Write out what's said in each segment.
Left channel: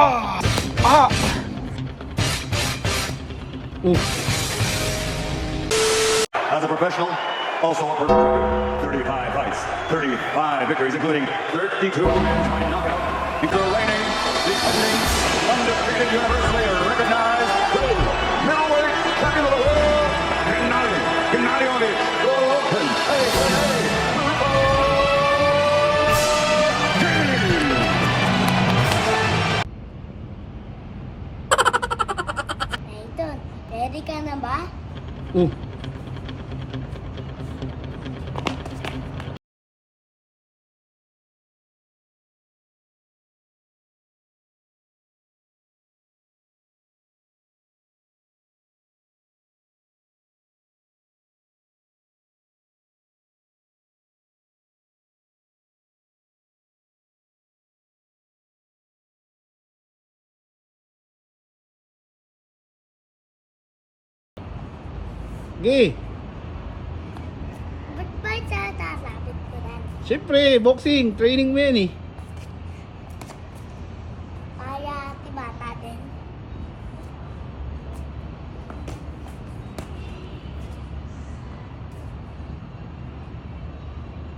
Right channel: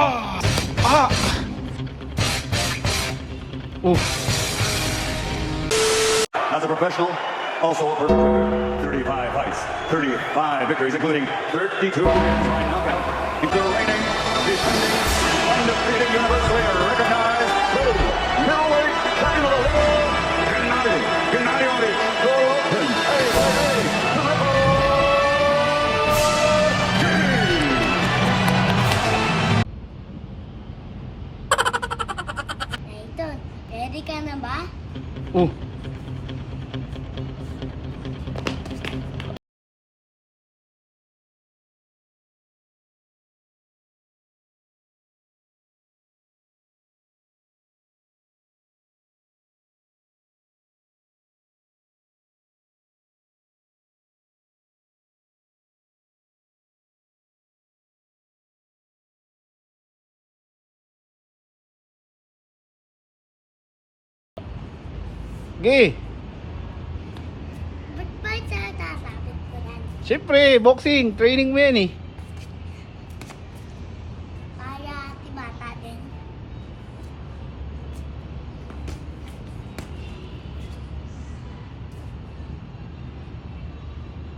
Ah! Ah! As a professional, also over 35 fights, 35 victories, including 32 by knockout, into the reigning, defending, undefeated, universally recognized middleweight champion of the world, Gennady Golovkin, Nathan, ready ka na ba? Oh. Ge, Ba't ba sasabit ko yan? siyempre, boxing, training mo yan eh. Para tibata din.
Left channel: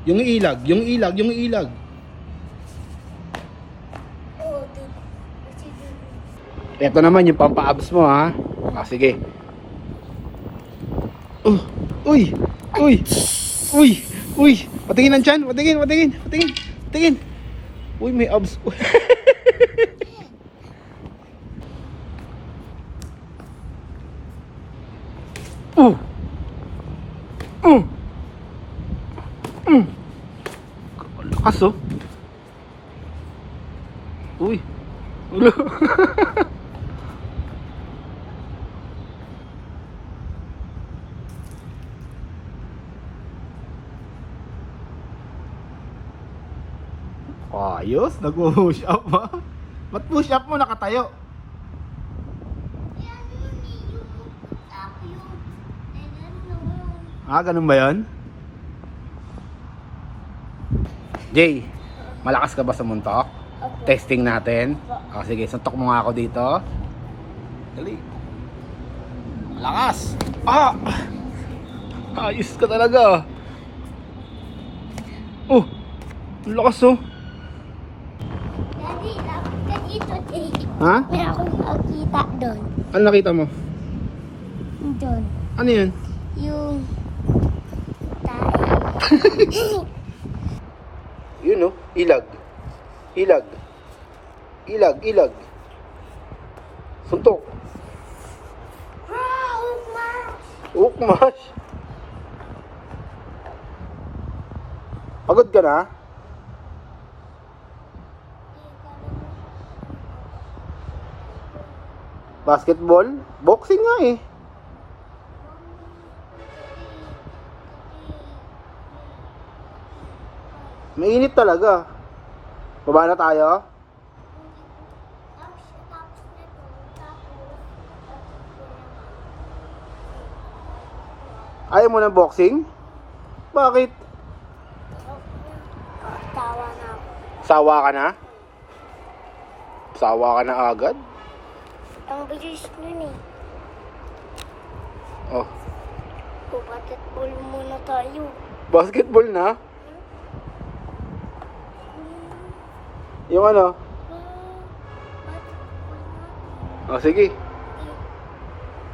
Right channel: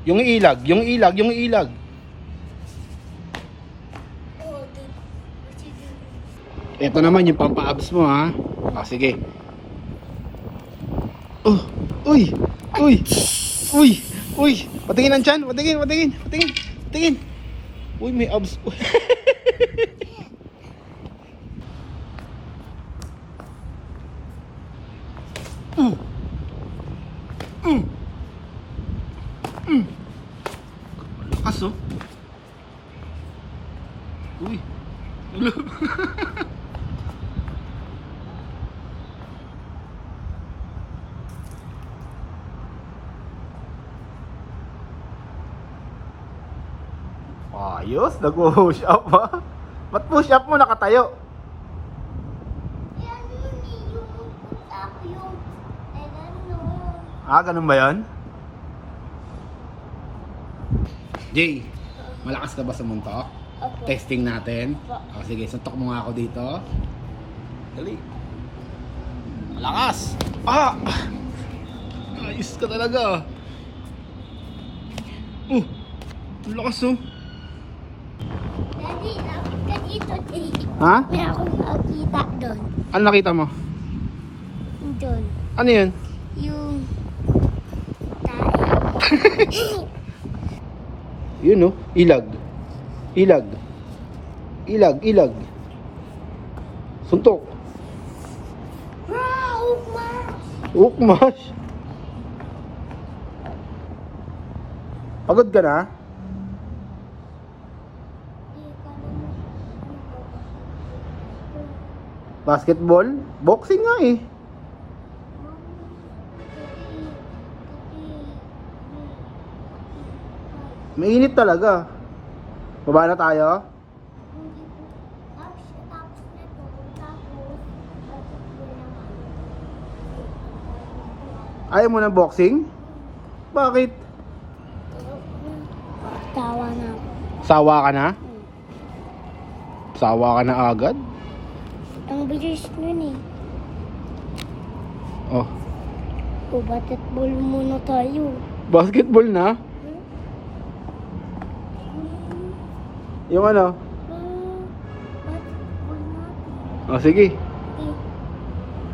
Yung ilag, yung ilag, yung ilag. Oo, dude. Sige. Ito naman yung pampa-abs mo ha. O, sige. Uy! Uy! Uy! Uy! Patingin ang tiyan! Patingin! Patingin! Patingin! Patingin! Uy, may abs. uh. Uh. Lakas oh. Uy. Ulo. Ayos, nag-push up ba? Ba't push up mo nakatayo? Yan yun eh, yung up yung Ah, ganun ba yan? Jay, malakas ka ba sa muntok? Opo. Testing natin. Opo. Sige, suntok mo nga ako dito. Dali. Malakas! Ah! Ayos ka talaga. Oh! Ang lakas oh. Daddy, lapit ka dito, Jay. Ha? May akong nakita doon. Ano nakita mo? Doon. Ano yun? Yung tae. Yun oh, ilag. Ilag. Ilag, ilag. Suntok. Wow, mas. Ukmash. Pagod ka na? Basketball? Boxing nga eh. Mainit talaga. Baba na tayo? Ayaw mo ng boxing? Bakit? Tawa na ako. Sawa ka na? Sawa ka na agad? Ang bilis nun eh. Oh, O, basketball muna tayo. basketball na? Yung ano? Basketball natin. Oh, sige. Okay.